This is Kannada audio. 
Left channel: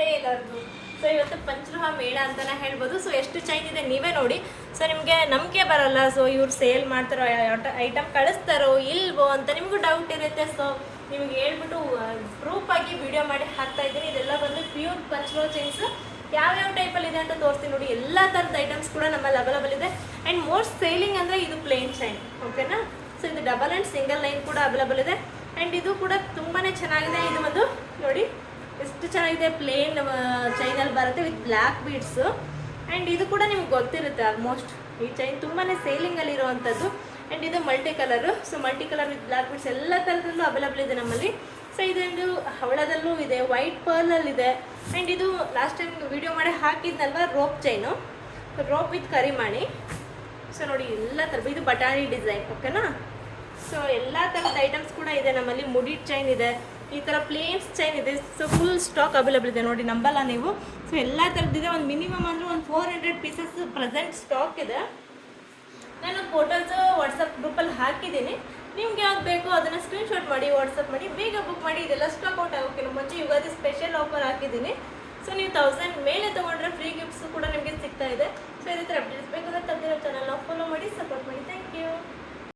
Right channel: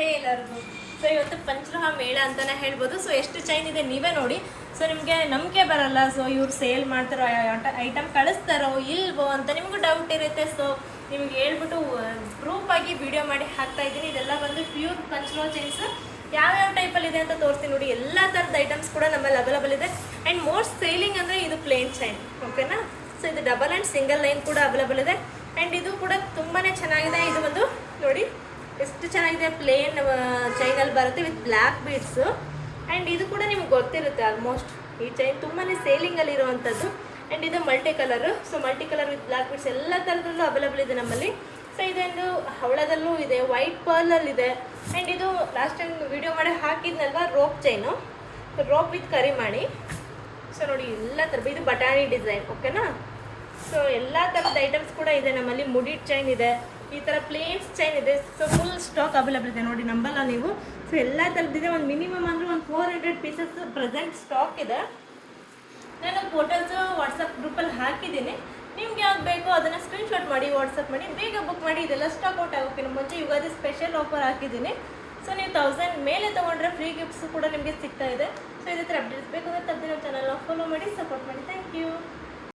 ನಮಸ್ತೆ ಎಲ್ಲರಿಗೂ. ಸೊ ಇವತ್ತು ಪಂಚರಹ ಮೇಳ ಅಂತಾನೆ ಹೇಳ್ಬೋದು. ಸೊ ಎಷ್ಟು ಚೈನ್ ಇದೆ ನೀವೇ ನೋಡಿ. ಸೊ ನಿಮಗೆ ನಂಬಿಕೆ ಬರಲ್ಲ, ಸೊ ಇವ್ರು ಸೇಲ್ ಮಾಡ್ತಾರೋ ಐಟಮ್ ಕಳಿಸ್ತಾರೋ ಇಲ್ವೋ ಅಂತ ನಿಮಗೂ ಡೌಟ್ ಇರುತ್ತೆ. ಸೊ ನಿಮ್ಗೆ ಹೇಳ್ಬಿಟ್ಟು ಪ್ರೂಫ್ ಆಗಿ ವಿಡಿಯೋ ಮಾಡಿ ಹಾಕ್ತಾ ಇದ್ದೀನಿ. ಇದೆಲ್ಲ ಬಂದು ಪ್ಯೂರ್ ಪಂಚರಹ ಚೈನ್ಸ್. ಯಾವ್ಯಾವ ಟೈಪಲ್ಲಿ ಇದೆ ಅಂತ ತೋರಿಸ್ತೀನಿ ನೋಡಿ. ಎಲ್ಲ ಥರದ ಐಟಮ್ಸ್ ಕೂಡ ನಮ್ಮಲ್ಲಿ ಅವೈಲಬಲ್ ಇದೆ. ಆ್ಯಂಡ್ ಮೋಸ್ಟ್ ಸೇಲಿಂಗ್ ಅಂದರೆ ಇದು ಪ್ಲೇನ್ ಚೈನ್, ಓಕೆನಾ. ಸೊ ಇದು ಡಬಲ್ ಆ್ಯಂಡ್ ಸಿಂಗಲ್ ಲೈನ್ ಕೂಡ ಅವೈಲಬಲ್ ಇದೆ. ಆ್ಯಂಡ್ ಇದು ಕೂಡ ತುಂಬಾ ಚೆನ್ನಾಗಿದೆ. ಇದು ಒಂದು ನೋಡಿ ಎಷ್ಟು ಚೆನ್ನಾಗಿದೆ, ಪ್ಲೇನ್ ಚೈನಲ್ಲಿ ಬರುತ್ತೆ ವಿತ್ ಬ್ಲ್ಯಾಕ್ ಬೀಡ್ಸು. ಆ್ಯಂಡ್ ಇದು ಕೂಡ ನಿಮ್ಗೆ ಗೊತ್ತಿರುತ್ತೆ ಆಲ್ಮೋಸ್ಟ್. ಈ ಚೈನ್ ತುಂಬಾ ಸೇಲಿಂಗಲ್ಲಿ ಇರುವಂಥದ್ದು. ಆ್ಯಂಡ್ ಇದು multi colour. So multi colour with black beads ಎಲ್ಲ ಥರದಲ್ಲೂ ಅವೈಲಬಲ್ ಇದೆ ನಮ್ಮಲ್ಲಿ. ಸೊ ಇದೊಂದು ಹವಳದಲ್ಲೂ ಇದೆ, ವೈಟ್ ಪರ್ಲಲ್ಲಿದೆ. ಆ್ಯಂಡ್ ಇದು ಲಾಸ್ಟ್ ಟೈಮ್ ವಿಡಿಯೋ ಮಾಡಿ ಹಾಕಿದ್ನಲ್ವ ರೋಪ್ ಚೈನು, ರೋಪ್ ವಿತ್ ಕರಿಮಾಣಿ. ಸೊ ನೋಡಿ ಎಲ್ಲ ಥರ, ಇದು ಬಟಾಣಿ ಡಿಸೈನ್, ಓಕೆನಾ. ಸೊ ಎಲ್ಲ ಥರದ ಐಟಮ್ಸ್ ಕೂಡ ಇದೆ ನಮ್ಮಲ್ಲಿ. ಮುಡಿಡ್ ಚೈನ್ ಇದೆ, ಈ ಥರ ಪ್ಲೇಟ್ಸ್ ಚೈನ್ ಇದೆ. ಸೊ ಫುಲ್ ಸ್ಟಾಕ್ ಅವೈಲಬಲ್ ಇದೆ ನೋಡಿ, ನಂಬಲ್ಲ ನೀವು. ಸೊ ಎಲ್ಲ ಥರದ್ದಿದೆ. ಒಂದು ಮಿನಿಮಮ್ ಅಂದರೆ ಒಂದು 400 ಪೀಸಸ್ ಪ್ರೆಸೆಂಟ್ ಸ್ಟಾಕ್ ಇದೆ. ನಾನು ಫೋಟೋಸ್ ವಾಟ್ಸಪ್ ಗ್ರೂಪಲ್ಲಿ ಹಾಕಿದ್ದೀನಿ. ನಿಮ್ಗೆ ಯಾವ್ದು ಬೇಕೋ ಅದನ್ನು ಸ್ಕ್ರೀನ್ಶಾಟ್ ಮಾಡಿ ವಾಟ್ಸಪ್ ಮಾಡಿ ಬೇಗ ಬುಕ್ ಮಾಡಿ. ಇದೆಲ್ಲ ಸ್ಟಾಕ್ ಔಟ್ ಆಗೋಕ್ಕಿಂತ ಮುಂಚೆ ಯುಗಾದಿ ಸ್ಪೆಷಲ್ ಆಫರ್ ಹಾಕಿದ್ದೀನಿ. ಸೊ ನೀವು 1000 ಮೇಲೆ ತೊಗೊಂಡ್ರೆ ಫ್ರೀ ಗಿಫ್ಟ್ಸು ಕೂಡ ನಿಮಗೆ ಸಿಗ್ತಾ ಇದೆ. ಸೊ ಇದೇ ಥರ ಅಪ್ಡೇಟ್ಸ್ ಬೇಕು ಅಂದರೆ ತಪ್ಪದಿರೋ ಚಾನಲ್ನ ಫಾಲೋ ಮಾಡಿ, ಸಪೋರ್ಟ್ ಮಾಡಿ. Thank you.